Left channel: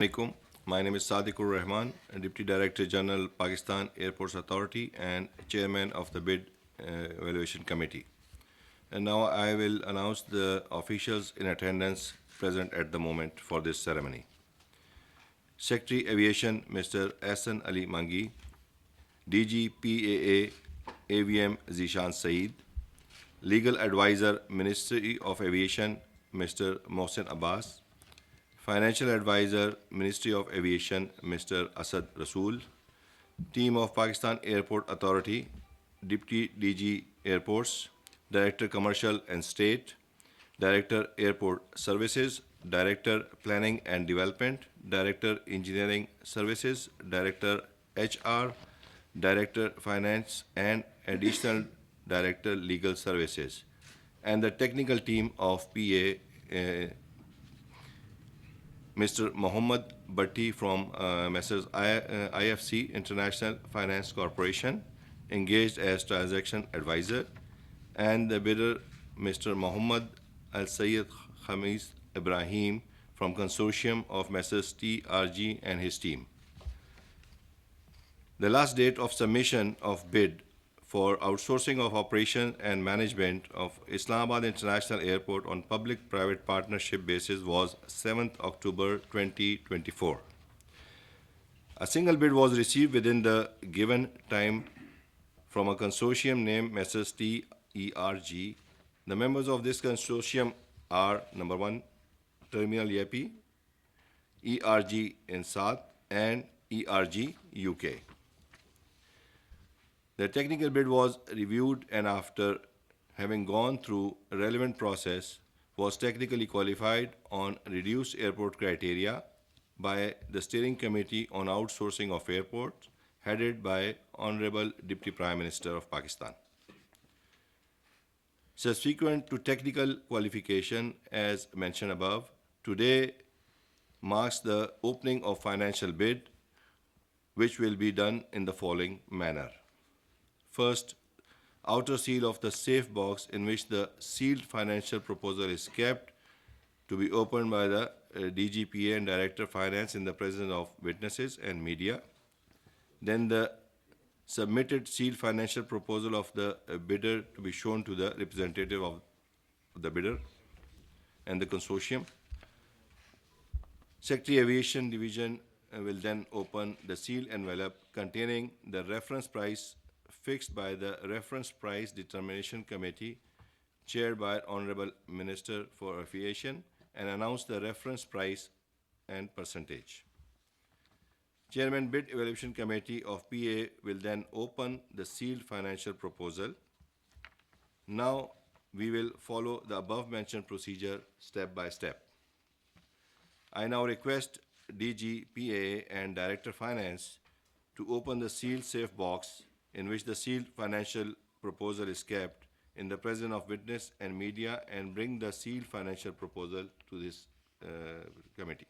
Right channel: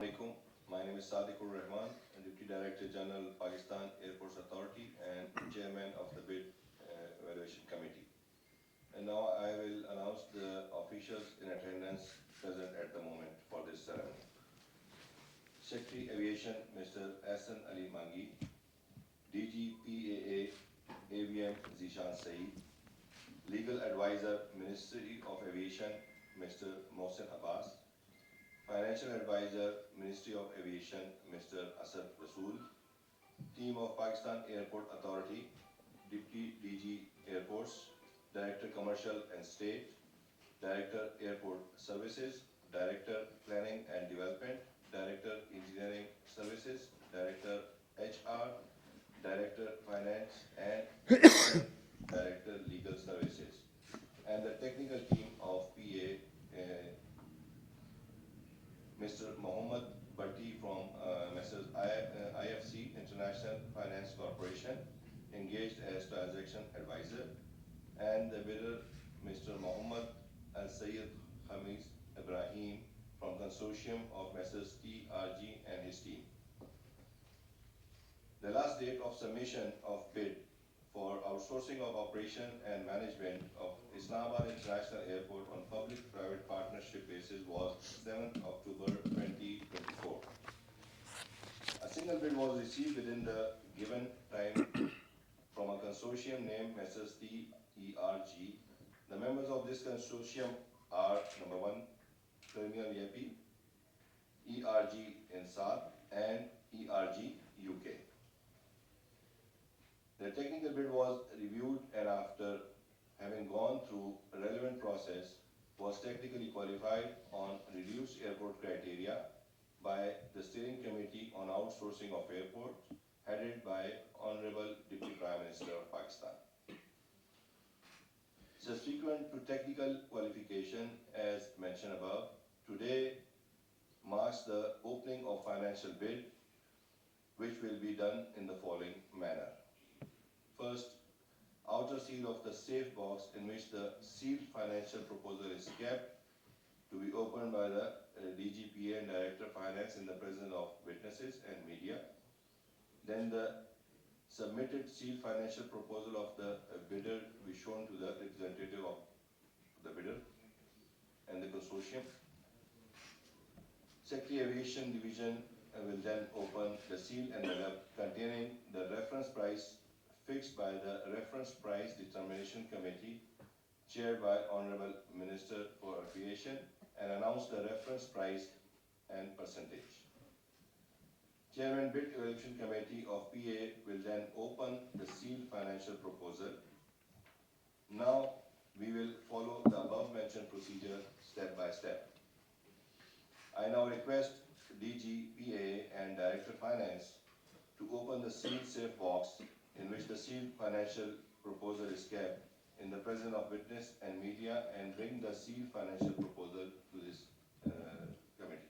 Assalamualaikum. My name is Sadiqur Rahman, Deputy Director General, Pakistan Airports Authority and Chairman of the Bid Evaluation Committee. And now I will announce the officials in attendance present at the moment for this ceremony. Secretary Aviation, Mr. Ahsan Ali Mangi, DG PAA AVM Zishan Saeed, Legal Advisor, Ministry of Aviation, Mr. Mohsen Abbas, Financial Advisor, Ministry of Aviation, Mr. Asad Rasool, Team of Pakistan Airport Authority, Deputy DG Airports, Director Commercial and State, Director Airport Services, Director Planning and Development, Director Engineering Services, Director HR, Director Finance, and Additional Director Legal Services, and the technical team of PA, Mr. Mohammed Bhatti from Messrs. IFC International Finance Corporation, engaged as transaction advisor, and the bidder, Mr. Mohammed Al Sayyid Khamis Ibrahim from consortium of Messrs. TRG and his team. The last date of submission of bid for outsourcing of operation and management of Islamabad International Airport on public-private partnership basis was 7th October 2024. A single bid was received within the given time from a consortium named Messrs. TERG. The members of this consortium are number 1, Terminal YAPI, ERG Insat, and ERG UK. The technical bid was reviewed and after having gone through a relevant process was technically qualified on reduced airport criteria by the Steering Committee on Outsourcing of Airports, headed by Honorable Deputy Prime Minister of Pakistan. Subsequent to technical qualification, as mentioned above, today marks the opening of financial bid, which will be done in the following manner. First, outer seal of the safe box in which the sealed financial proposal is kept to be opened by the DGPA and Director Finance in the presence of witnesses and media. Then the submitted sealed financial proposal of the bidder to be shown to the representative of the bidder and the consortium. Secretary Aviation Division will then open the sealed envelope containing the reference price fixed by the Reference Price Determination Committee, chaired by Honorable Minister for Aviation, and announce the reference price and percentage. Chairman Bid Evaluation Committee of PA will then open the sealed financial proposal. Now we will follow the above mentioned procedure step by step. I now request DG PA and Director Finance to open the sealed safe box in which the sealed financial proposal is kept in the presence of witness and media, and bring the sealed financial proposal to this committee.